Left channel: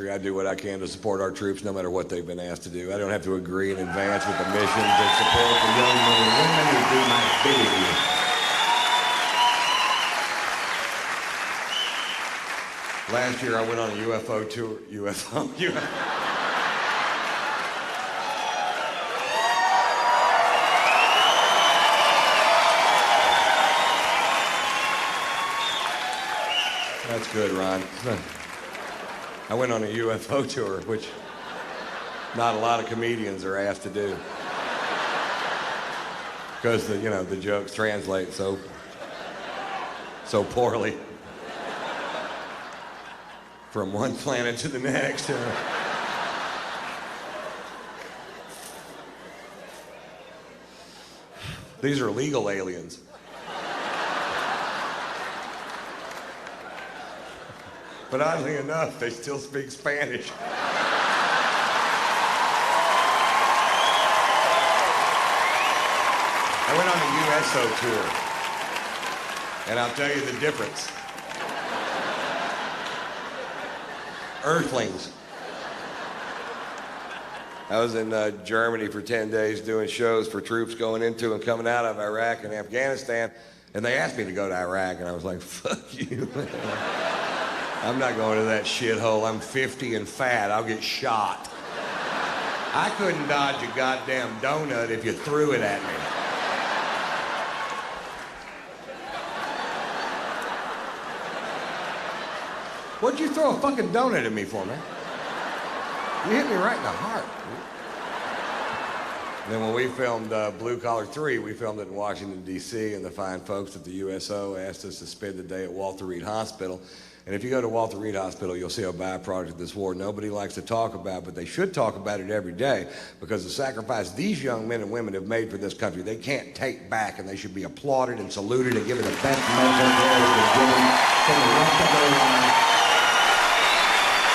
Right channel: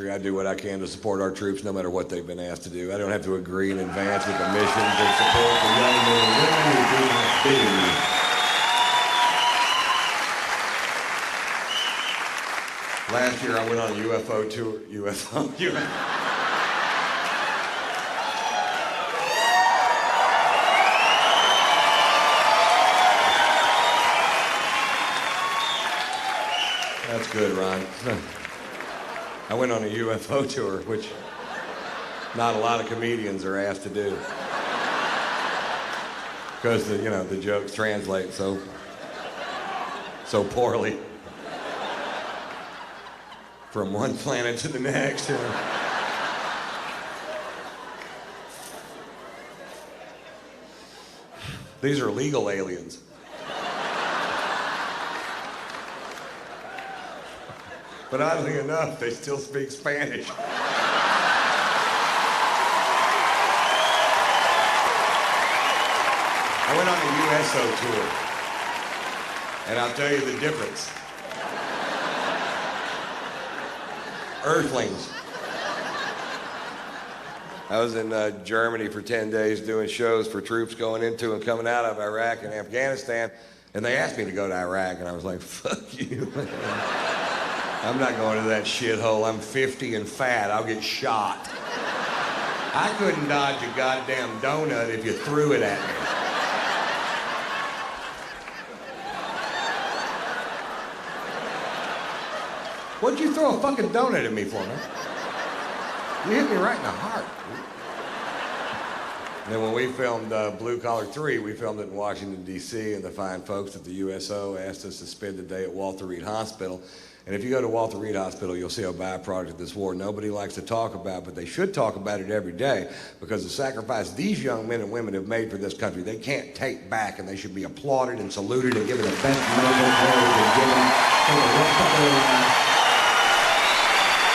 I do what I can to support our troops no matter what they've been asked to do. I don't have to agree in advance with the mission to support the young men and women who do my bidding. Last year I went on a UFO tour. UFO. That's good, Ron. I went on a UFO tour, which not a lot of comedians are asked to do. Because the jokes translate so poorly from one planet to the next. These are legal aliens. But oddly enough, they still speak Spanish. I went on a USO tour, and I'll tell you the difference. Earthlings. I was in Germany for 10 days doing shows for troops going into and coming out of Iraq and Afghanistan, and they asked me to go to Iraq, and I was like, fuck you, man. I'm not going to that shithole. I'm 50 and fat. I'll get shot. I couldn't dodge a goddamn donut if you threw it at me. What'd you throw a fucking donut at me for, man? You hit me right in the heart. And then when we filmed Blue Collar 3, we filmed it in Washington, D.C., and the fine folks at the USO asked us to spend the day at Walter Reed Hospital. And if you go to Walter Reed Hospital, you'll see a byproduct of this war nobody likes to talk about, but they should talk about it every day, because the sacrifice these young men and women have made for this country, they can't take back, and they should be applauded and saluted and given the best medical care we can give them for the rest of their lives.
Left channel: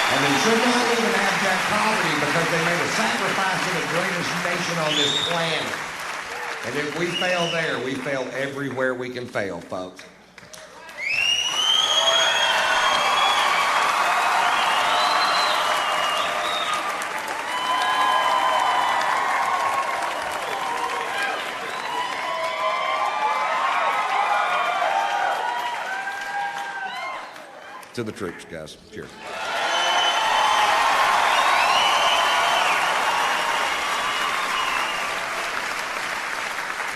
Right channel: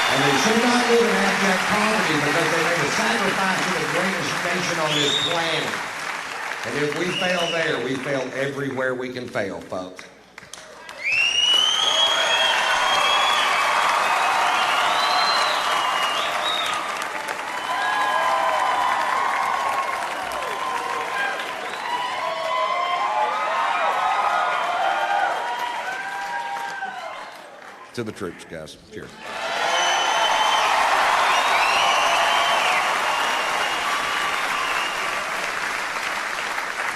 And they should not live in abject poverty because they made a sacrifice to the greatest nation on this planet. And if we fail there, we fail everywhere we can fail, folks. To the troops, guys. Cheers.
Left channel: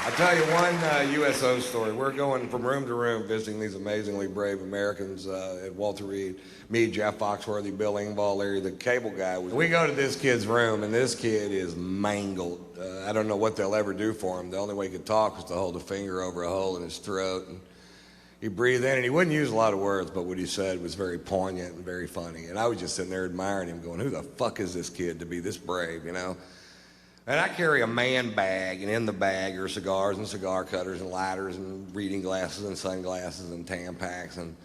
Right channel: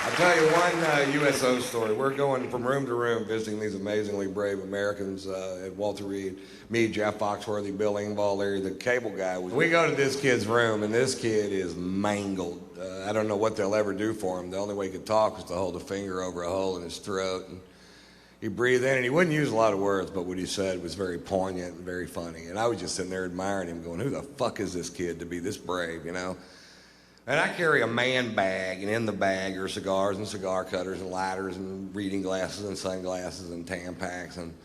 I'll tell you one USO story. We're going from room to room visiting these amazingly brave Americans at Walter Reed. Me, Jeff Foxworthy, Bill Engvall, Larry the Cable Guy. We go to this kid's room, and this kid is mangled. I don't know what they'll ever do for him. The only way he could talk was to hold a finger over a hole in his throat. And he'd breathe in, and he wouldn't use a lot of words, but what he said was very poignant and very funny. And I was just sitting there admiring him, going, who the fuck is this kid to be this brave, you know? And I carry a man bag, and in the bag are cigars and cigar cutters and lighters and reading glasses and sunglasses and Tampax and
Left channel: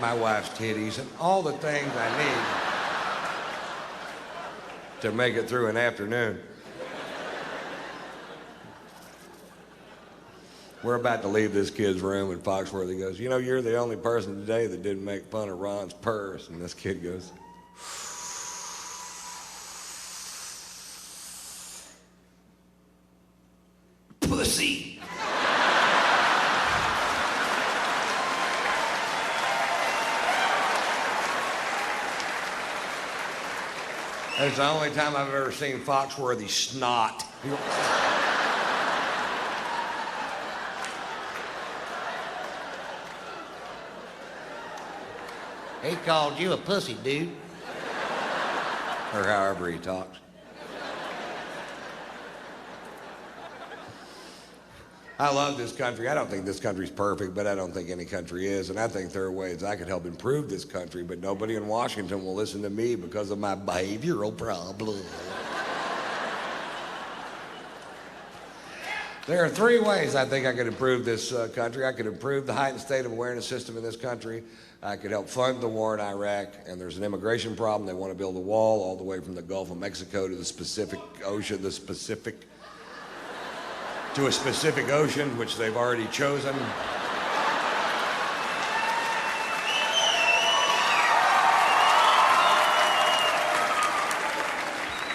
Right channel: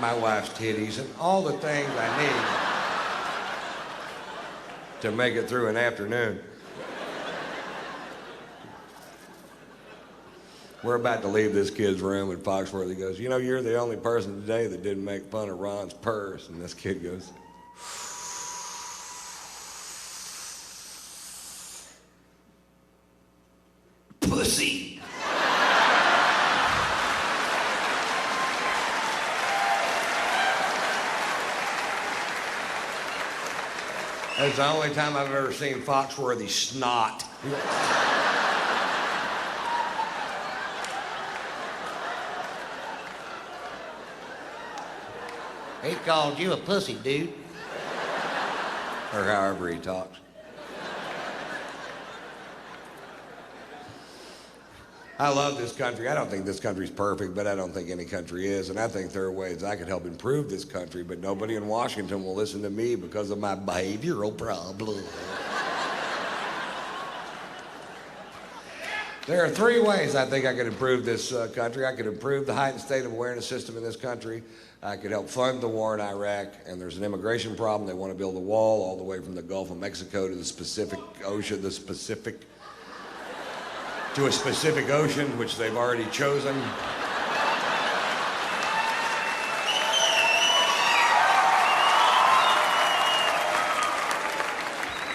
my wife's titties and all the things I need to make it through an afternoon. We're about to leave this kid's room, and Foxworthy goes, you know, you're the only person today that didn't make fun of Ron's purse. And this kid goes, pussy. That's the only time I've ever seen Foxworthy snot. He called you a pussy, dude. Or however he talks. I love this country. I don't think this country's perfect, but I don't think any country is. And I think there are ways I could help improve this country, but nobody in Washington will listen to me because of my behavioral problem. There are three ways I think I could improve this country. I could improve the heightened state of awareness system in this country. I could help fund the war in Iraq. And there's an immigration problem. They want to build a wall all the way from the Gulf of Mexico to the Pacific Ocean, to a specific ocean, which they've already chosen. 1,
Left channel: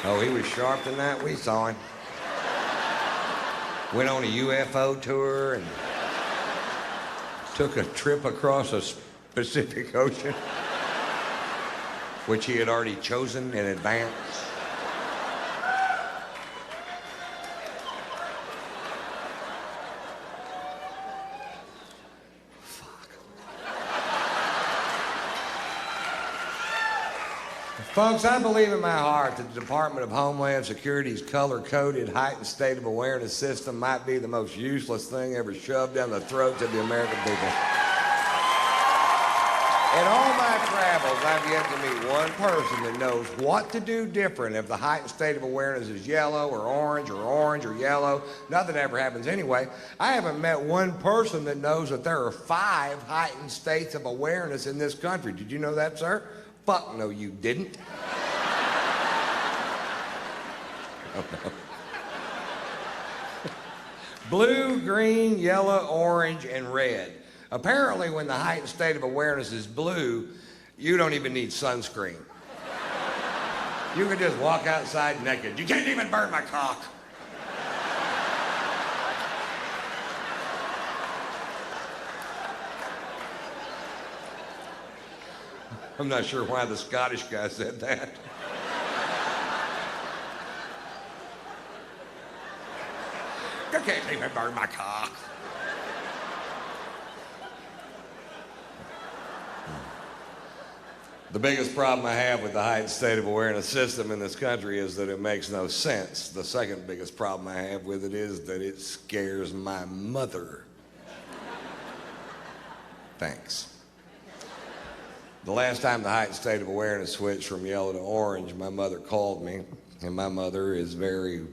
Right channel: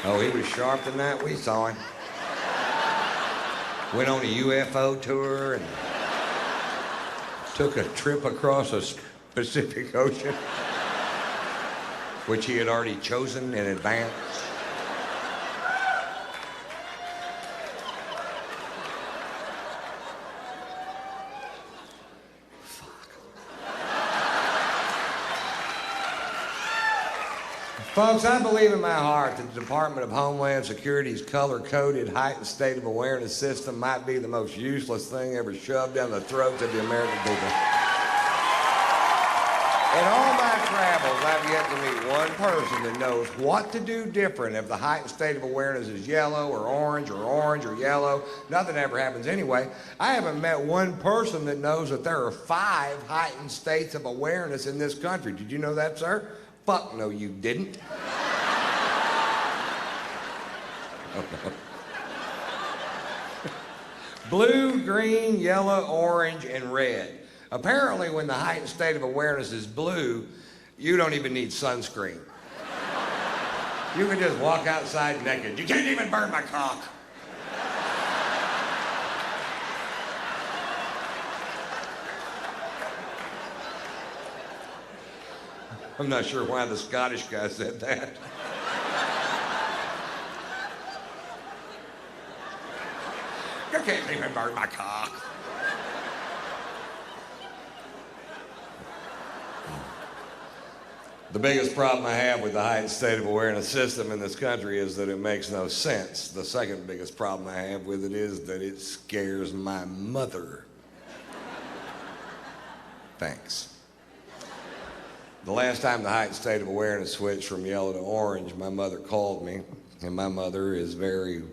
Oh, he was sharp than that. We saw him. Went on a UFO tour and took a trip across a Pacific Ocean, which he had already chosen in advance. Folks, I believe in my heart that the Department of Homeland Security's color-coded heightened state of awareness system might be the most useless thing ever shoved down the throats of the American people. In all my travels, I've yet to meet one person that knows what to do different if the heightened state of awareness is yellow or orange or yellow. Nothing ever happens anyway. I haven't met one person that knows that there are 5 heightened states of awareness in this country. Did you know that, sir? Fuck no, you didn't. Oh, no. Blue, green, yellow, orange, and red. Apparently, when the heightened state of awareness is blue, you don't even need sunscreen. You can just walk outside naked. You can't even burn my cock. I'm not sure why the Scottish guy said that. You can't even burn my cock. The biggest problem I have with the heightened state of awareness system in this country is that it makes no sense. The second biggest problem I have with it is that it scares my mother. Thanks. The last time the heightened state of awareness switched from yellow to orange, my mother called me, and my mother is very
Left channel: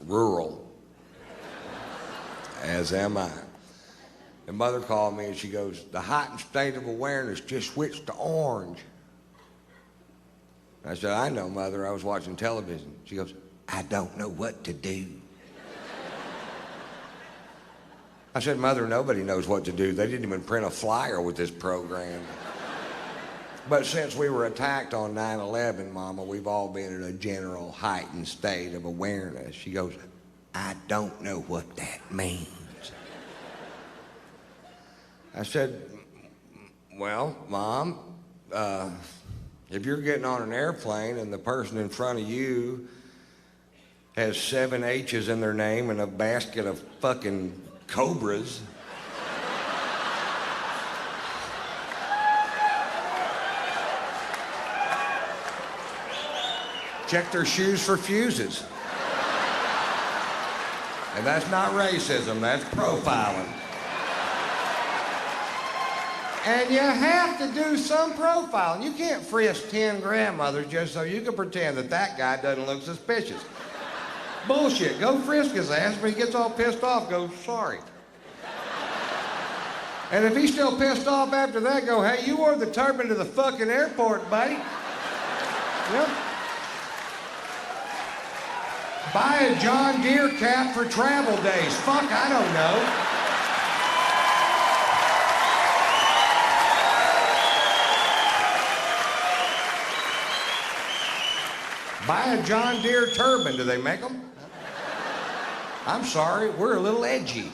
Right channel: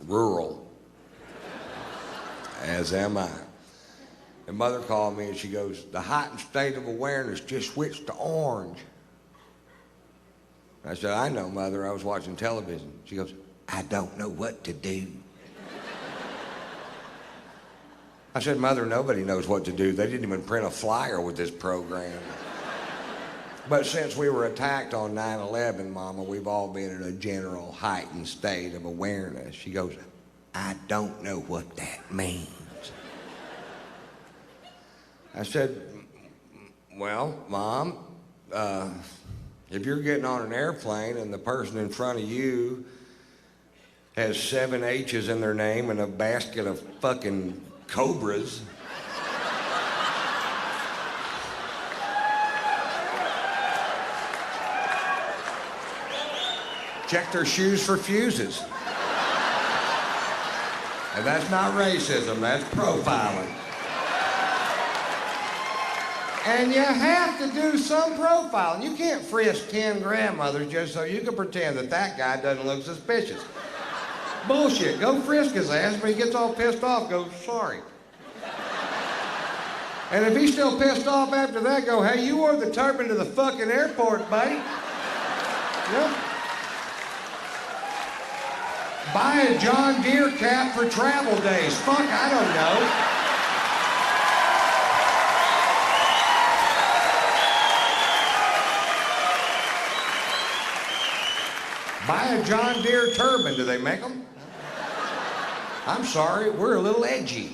rural, as am I. And mother called me and she goes, the heightened state of awareness just switched to orange. I said, I know, Mother, I was watching television. She goes, I don't know what to do. I said, Mother, nobody knows what to do. They didn't even print a flyer with this program. But since we were attacked on 9/11, Mama, we've all been in a general heightened state of awareness. She goes, I don't know what that means. I said, well, Mom, if you're getting on an airplane and the person in front of you has 7 H's in their name and a basket of fucking cobras, check their shoes for fuses. And that's not racism, that's profiling. And you have to do some profiling. You can't frisk 10 grandmothers just so you can pretend that that guy doesn't look suspicious. Bullshit. Go frisk his ass. When he gets all pissed off, go, sorry. And if he's still pissed off after that, go, hey, you wore the turban to the fucking airport, buddy. Yep. Buy a John Deere cap for travel days. Fuck, I don't know. Buy a John Deere turban. Do they make them? I'm sorry, we're a little edgy.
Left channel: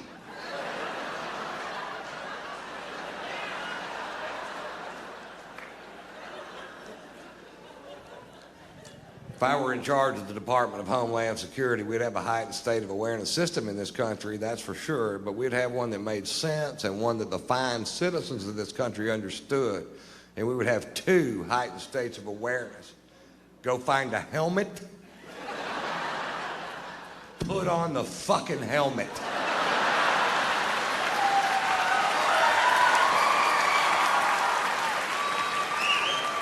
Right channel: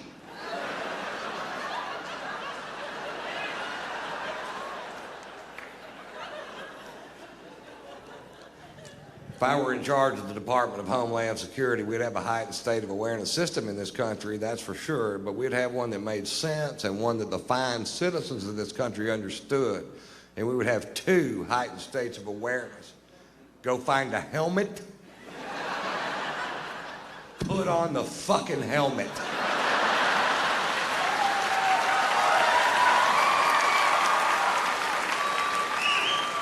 If I were in charge of the Department of Homeland Security, we'd have a heightened state of awareness system in this country, that's for sure, but we'd have one that made sense and one that the fine citizens of this country understood. And we would have 2 heightened states of awareness. Go find a helmet. Put on the fucking helmet.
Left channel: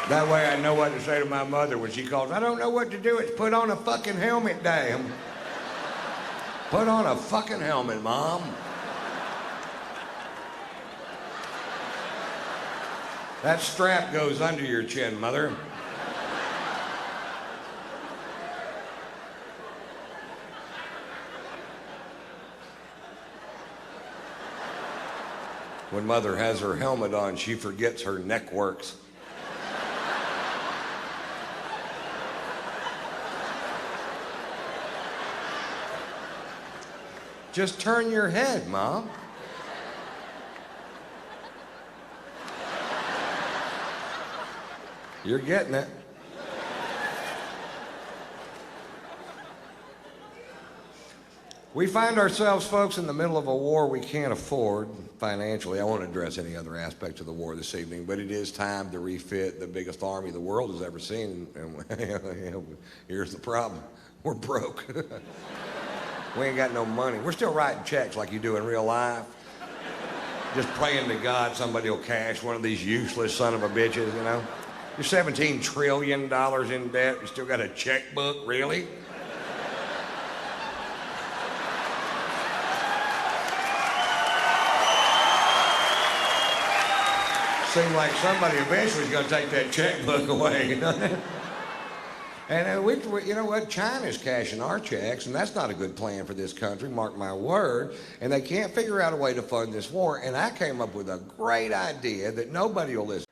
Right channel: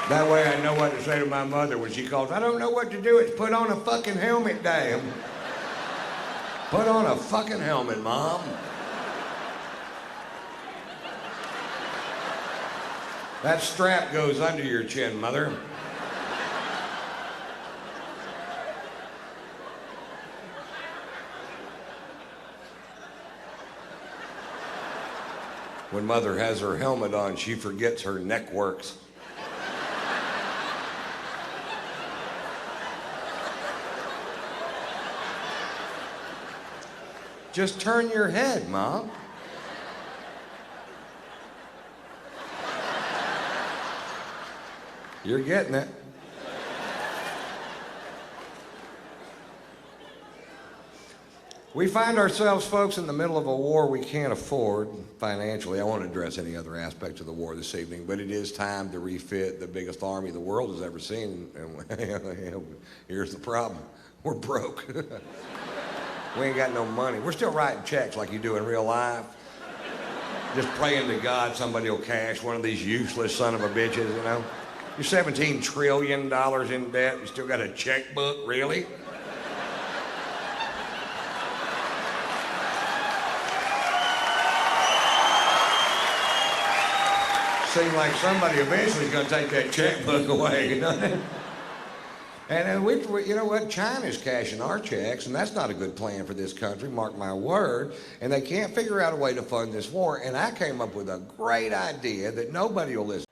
That way I know what to say to my mother when she calls. I don't know what to do. It's put on a fucking helmet, damn. Put on a fucking helmet, Mom. That strap goes under your chin, Mother. When Mother has her helmet on, she forgets her neck works. Just turn your head, Mom. You're getting it. We find ourselves, folks, in the middle of a war we can't afford financially. I won't address any other aspects of the war this evening, but it is time to refit the biggest army the world has ever seen. And here's the problem. We're broke. We ain't got no money. We're still writing checks like you do in real life. Just praying to God somebody will cash one of these useless son of a bitches, you know? You're $17 trillion in debt. You still got a checkbook, really? Seems like somebody eventually is going to take that checkbook away, you know? And we, you know what? China's cashing our checks, and that's not a good plan for this country, mark my word. And they can't figure out a way to fund this war. And I came up with a great idea that nobody will listen.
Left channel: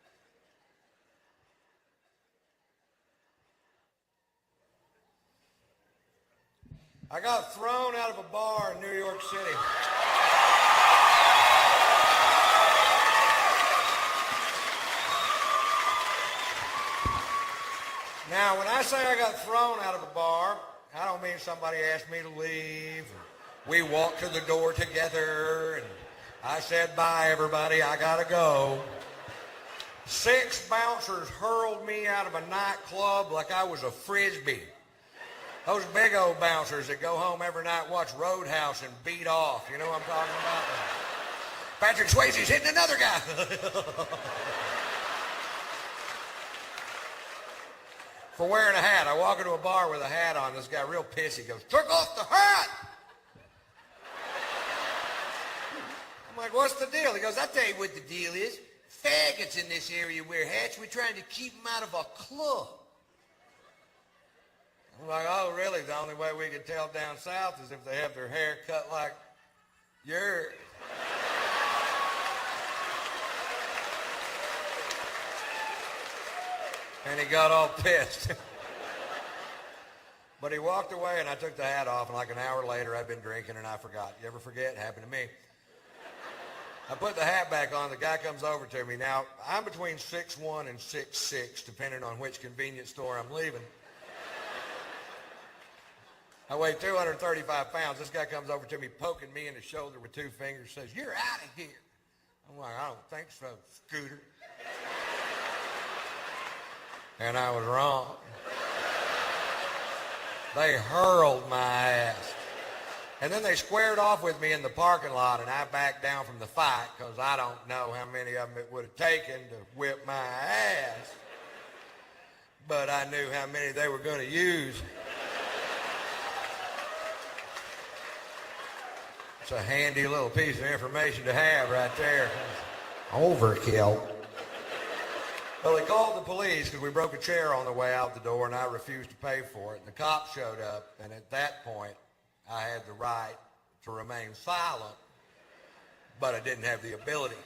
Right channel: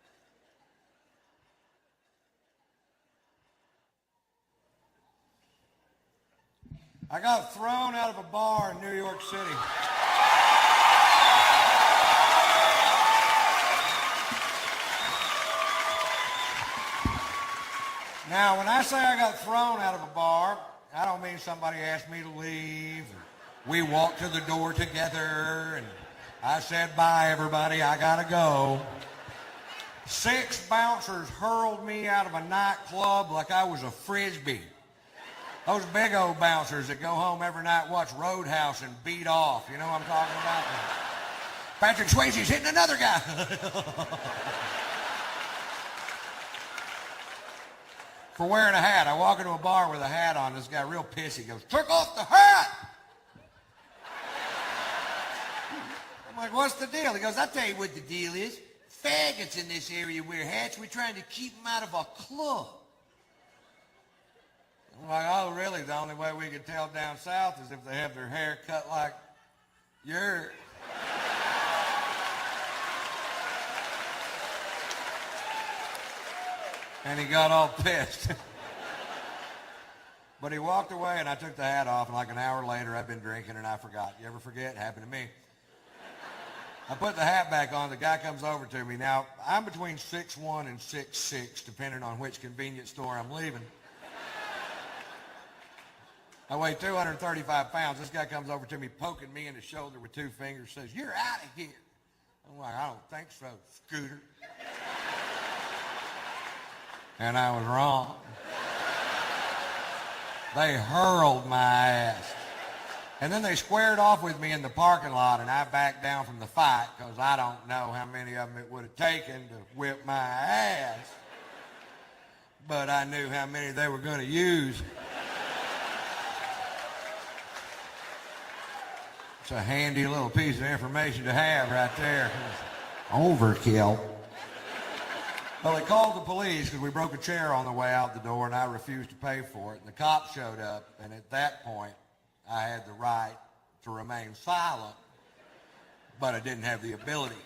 I got thrown out of a bar in New York City. Now, when I say I got thrown out of a bar, I don't mean somebody asked me to leave. We walked to the door together, and I said, bye, everybody, I gotta go. 6 bouncers hurled me out of a nightclub like I was a Frisbee. Those big old bouncers that go home every night, watch Roadhouse, and beat off. You know what I'm talking about? Patrick Swayze's hitting another guy. For wearing a hat. I walk into a bar with a hat on. This guy real pissy goes, "Took off the hat!" I'm like, "What's the deal?" He goes, "I'll tell you what the deal is. Faggots in this area wear hats. We're trying to keep them out of our club." I'm like, "Oh, really? The only way we can tell down south is if they have their hair cut like yours." And he got all pissed. But he walked away, and I took the hat off, and like an hour later, I'd been drinking, and I forgot. You ever forget? It happened to me. I put the hat back on. The guy comes over to me. Now, I'm between 6'1" and 6'6", depending on which convenience store I'm leaving. I weigh 235 pounds. This guy comes over to me, poking me in the shoulder with 2 fingers, says, "You're out of here." I'm like, "I don't think so, Scooter." And I was wrong. They hurled my ass. And then they squared off with me in the parking lot, and I backed down from the fight because I don't know how many of them it would have taken to whip my ass. But I knew how many they were going to use. It's a handy little piece of information to have right there. Overkill. Well, they called the police because we broke a chair on the way out the door, and I refused to pay for it. The cops showed up, and at that point, I had the right to remain silent, but I didn't have the ability.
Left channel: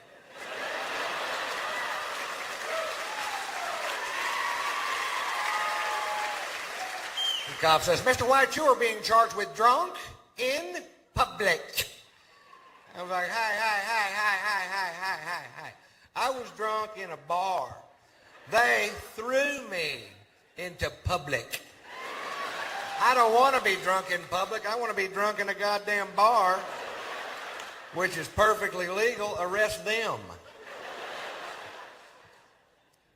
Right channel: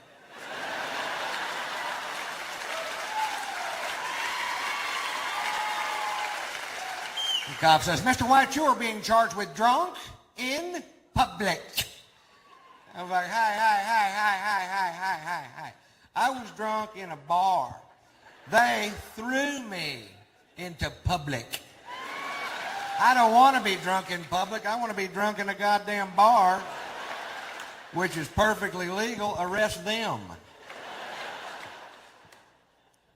The cop says, "Mr. White, you are being charged with drunk in public." I was like, hi. I was drunk in a bar. They threw me into public. I don't want to be drunk in public. I want to be drunk in a goddamn bar, which is perfectly legal. Arrest them.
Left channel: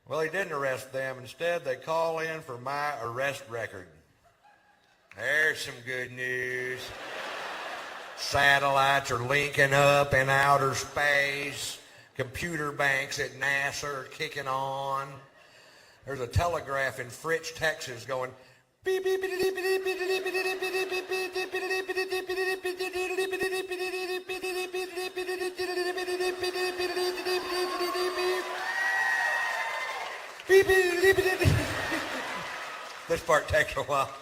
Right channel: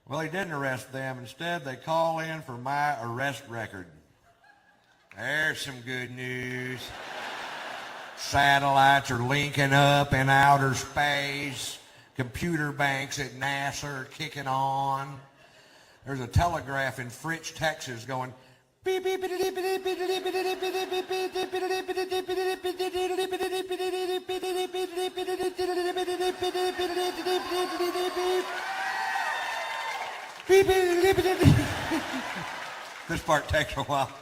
Well, he didn't arrest them. Instead, they call in for my arrest record. There's some good news. Satellites are linking up in outer space. Computer banks at NASA are kicking on. There's a telegraph in Fritch, Texas going beep, beep, beep, beep, beep, beep, beep, beep, beep. This part takes a while.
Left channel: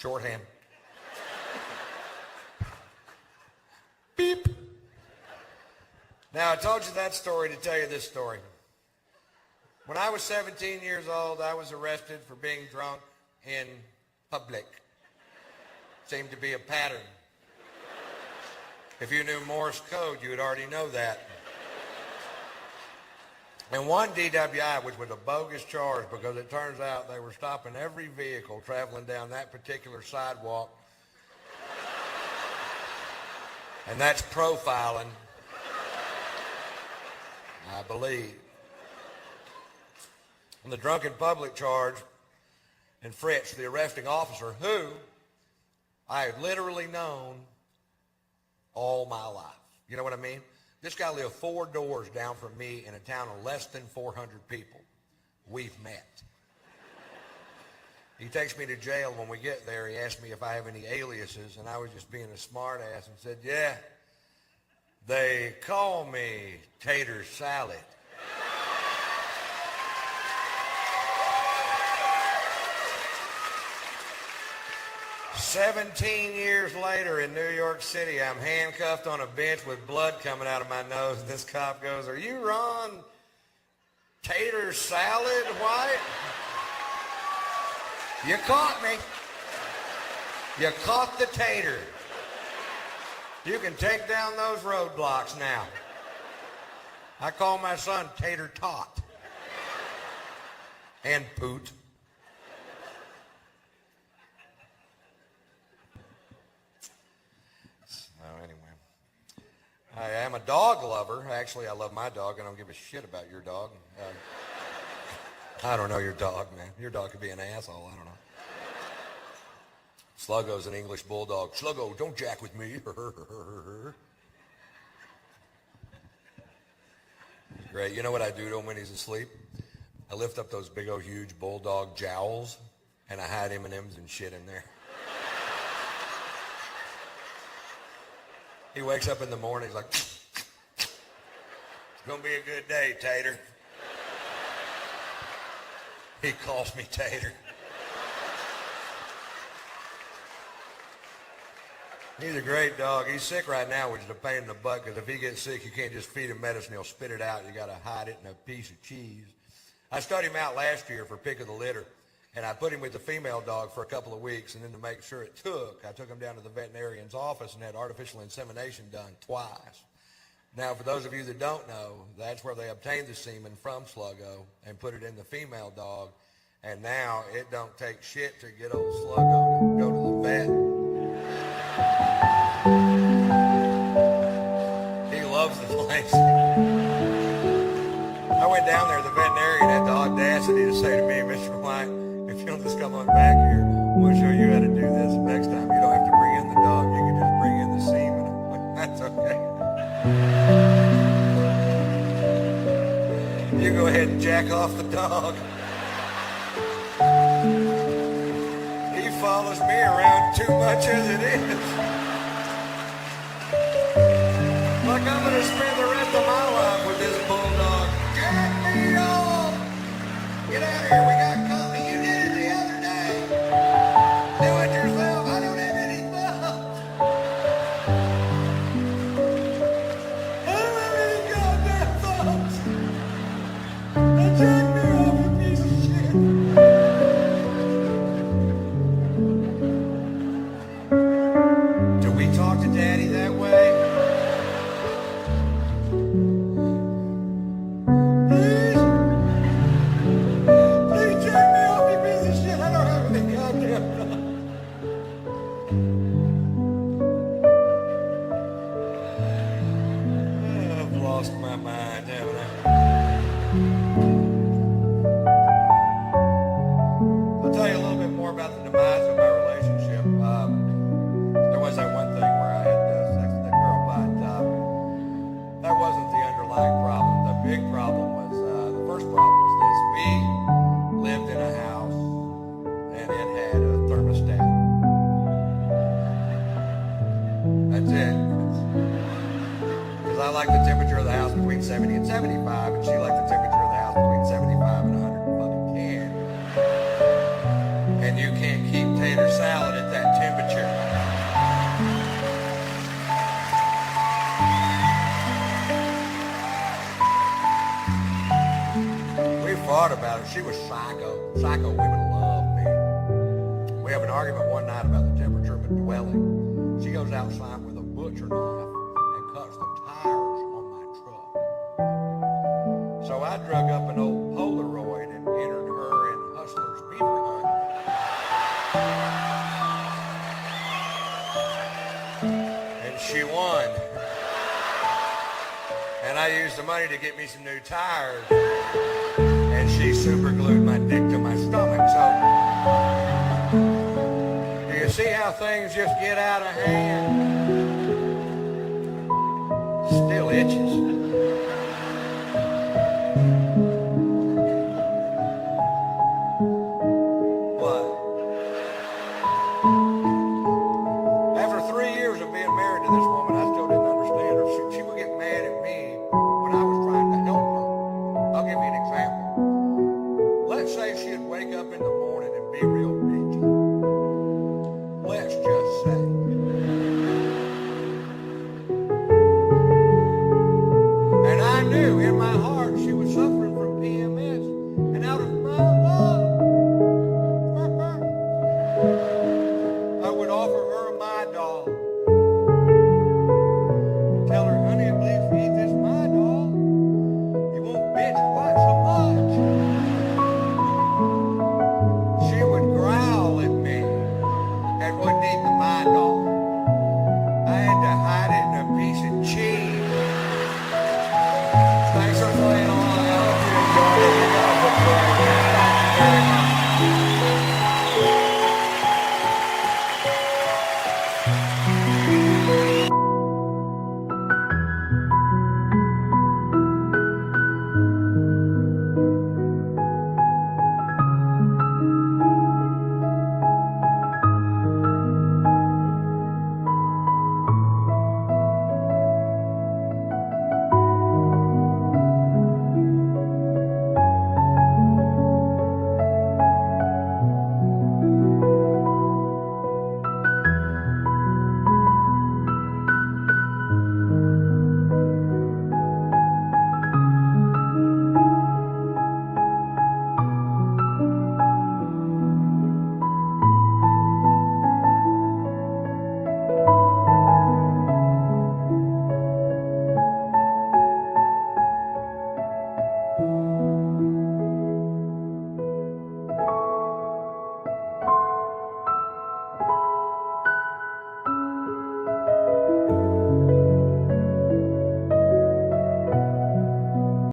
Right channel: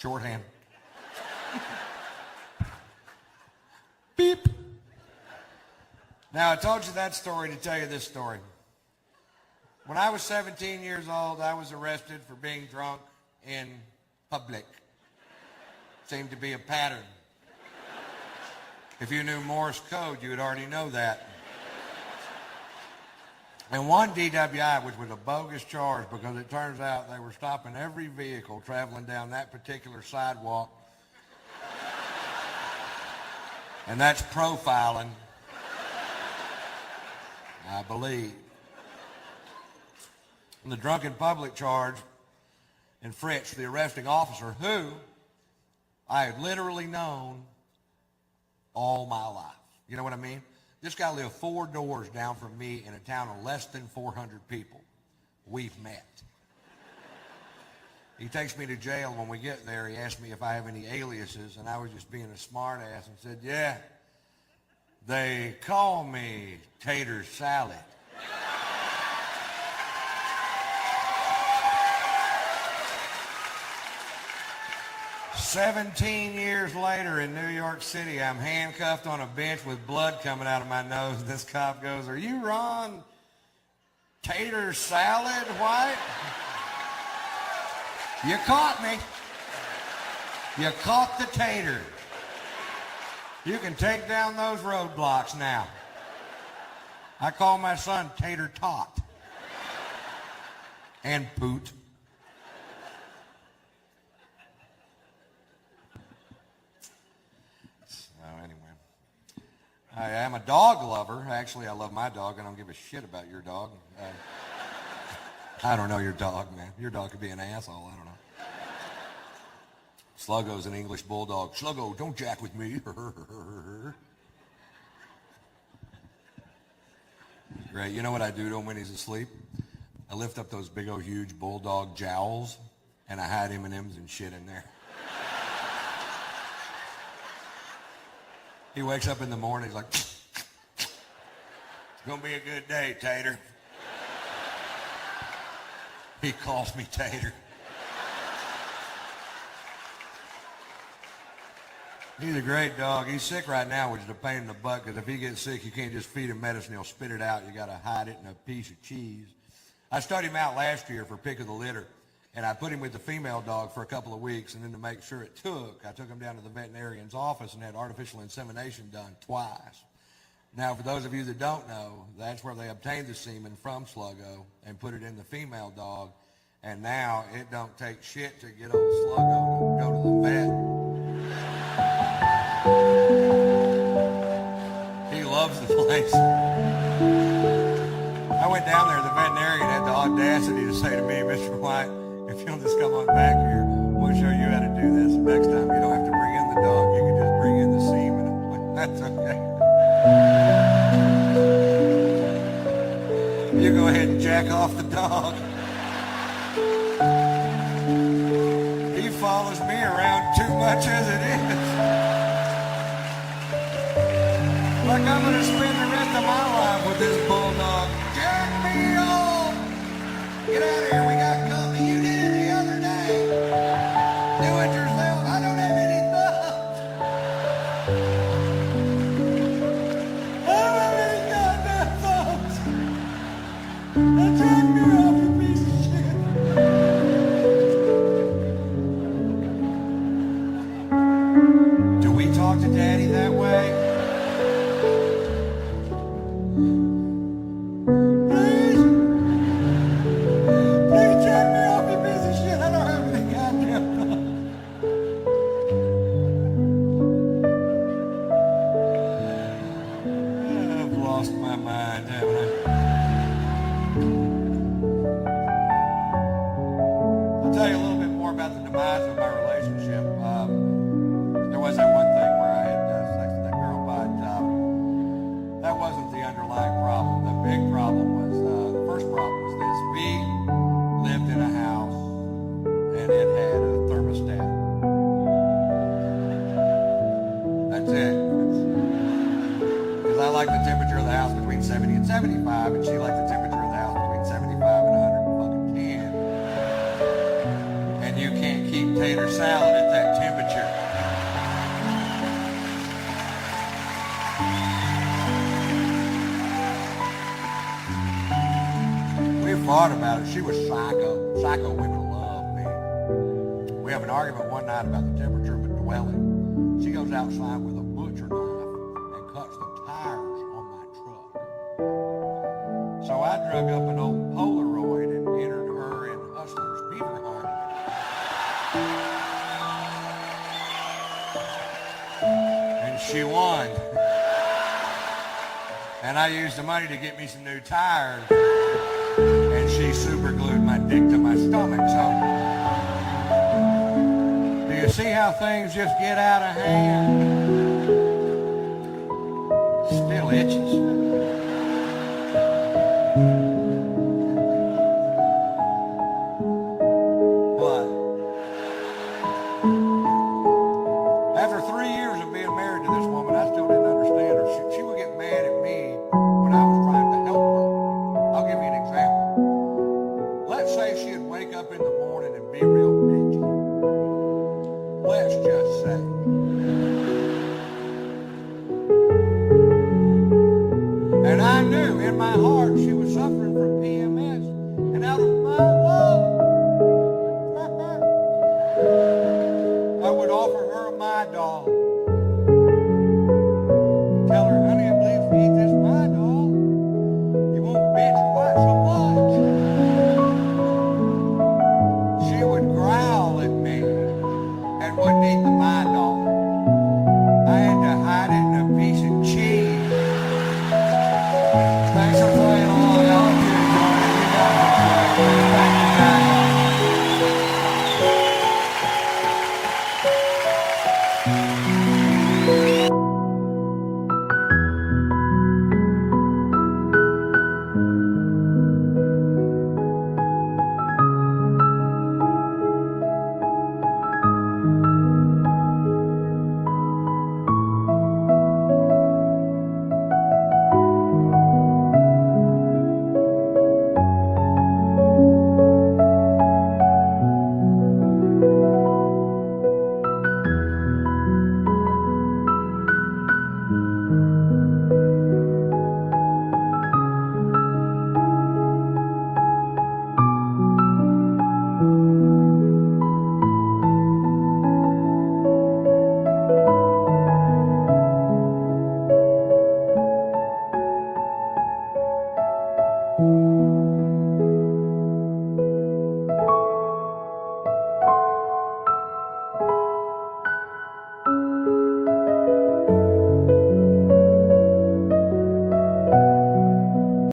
Shorthand. Beep. Now, I told you that story to tell you this story. When I was 17 years old, I was arrested for being drunk in public. Seemed to be a pattern. If you knew Morse code, you would already know that. And one DWI, which was a bogus charge because it turns out they were stopping every vehicle traveling down that particular sidewalk. And that's profiling, I believe. And the drunken public charge and Fritz, the arresting officer, who I had literally known all my life. You know what I mean? This guy lived 4 doors down from me in a town of less than 400 people. We've met. He takes me to jail. When we get there, he asked me if I have any aliases, and I was just being a smart ass and said, yeah, they call me Tater Salad. "17 years later in New York City, I'm handcuffed on a bench with blood coming out of my nose. This cop goes, are you Ron Tater Salad White? You caught me. You caught the tater. You can take down those roadblocks now. I call my son Tater Tot. And Poot. I am a dog lover. Actually, I love my dog. I don't give a shit about your dog. I don't know your dog, man. Your dog could be an asshole. I don't know. Sluggo's an English bulldog. Sluggo, don't jack with me. Great. You know what I do to him when he's asleep? I lift up those big old huge bulldog jowls and I hide M&Ms and shit in there. He wakes up in the morning, he's like, it's gonna be a good day, Tater. He calls me Tater. He's a great dog. He's sick right now, which is a pain in the butt, because if he gets sick, you can't just feed him medicine, he'll spit it out. You gotta hide it in a piece of cheese. I started him out last year for pick of the litter. And I put him with the female dog for a couple of weeks, and then to make sure it took, I took him down to the veterinarian's office and had artificial insemination done twice. Now, for those of you that don't know, that's where they obtained the semen from Sluggo and put it in the female dog, and now it don't take shit to get old Sluggo to go to the vet. He loves the place. I went down there, and the veterinarian had the audacity to say to me, Mr. White, if you'll just come on back here, we'll show you how to do this. Next time, you don't have to bring in the dog. You can just bring in the semen. I'm like, that's okay. You go ahead and jack off the dog. He follows me around too much as it is. Like I'm going to spend the rest of my life with this bulldog. Jack me off! Get out of here, we got company. You did it the other day. Do it yourself. I don't have any thumbs. I don't have any goddamn thumbs. That's driving me off, you piece of shit. Do we talk to Daddy that way? About it. She was psycho. Psycho women love me. We up an argument one night about the temperature of a dwelling. She goes outside with a butcher knife and cuts the tires on my truck. So I drug up an old Polaroid and entered her in Hustler's Beaver Hunt. And she won. And I used the money to get me some new tires. And she super glued my dick to my stomach. So, do you see how things just get out of hand? Still itches. What? After 3 years of being married to this woman, I still didn't understand her. She would get mad at me when I was trying to help her. I'll give you an example. Let's say she'd wake up in the morning and be real bitchy. Let's just say. And I knew in my heart